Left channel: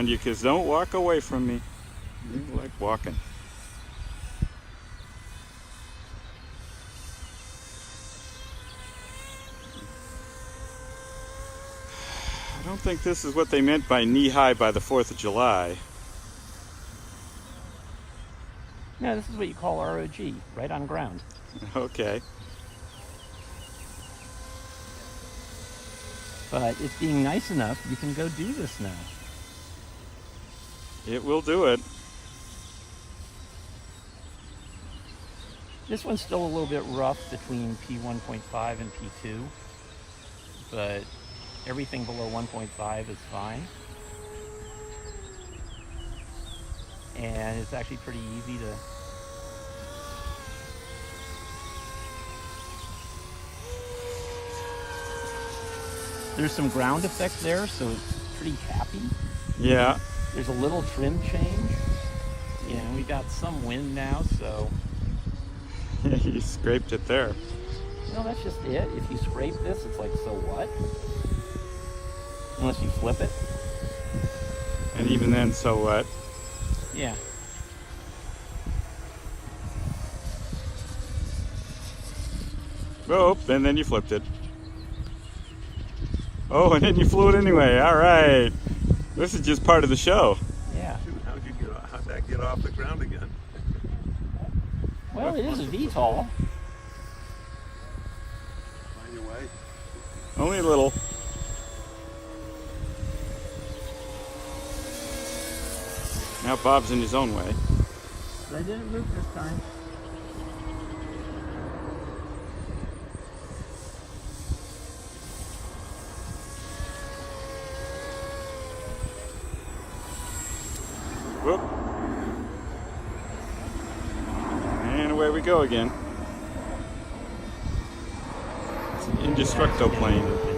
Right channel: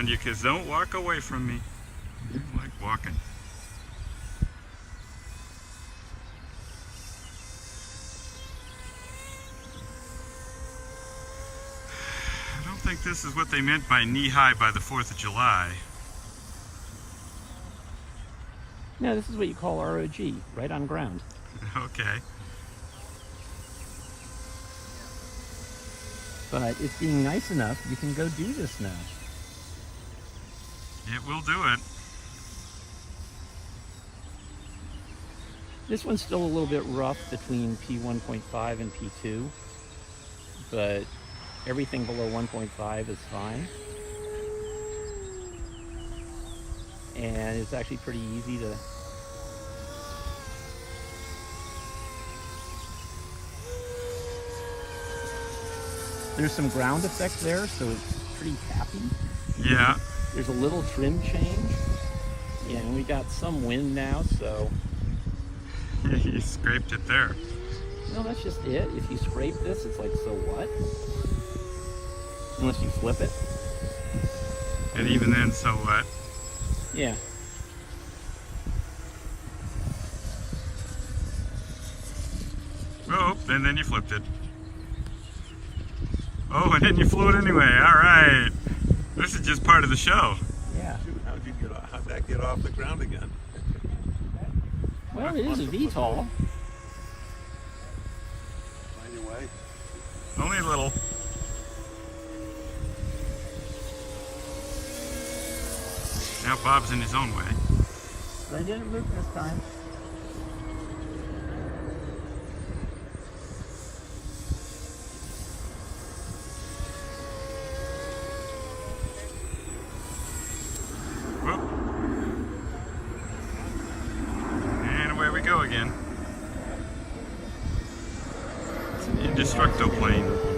around you, because don't walk away from me. You like walking. I don't think this is what they meant by knee-high by the 4th of July. No, this is what you call ROG, right on ground. Okay. But it's being nice enough, you can go do this now. It will do it. This one's still a little bit rough between P1.5 and P2, but everything below 1.5 is fine. And it's actually pretty easy to there's some ground effect there, so it's pretty happy. Yeah. There's a little trim change. Yeah, and we got some wind now, so You scraped it there. well, that's just it. If you scrape this, it's like, so what? Unless you flip it. And even then, so what? Yeah. Oh, and then you flipped it. Oh, and then you flew it anyway. All right. This is just part of the show. Yeah. How'd that get off the ground again? Well, it is a VTOL. Find your way. Only a little. Now Bob's in his own way. I didn't loop this time. Whoop. And away we go again. It's an indestructo plane.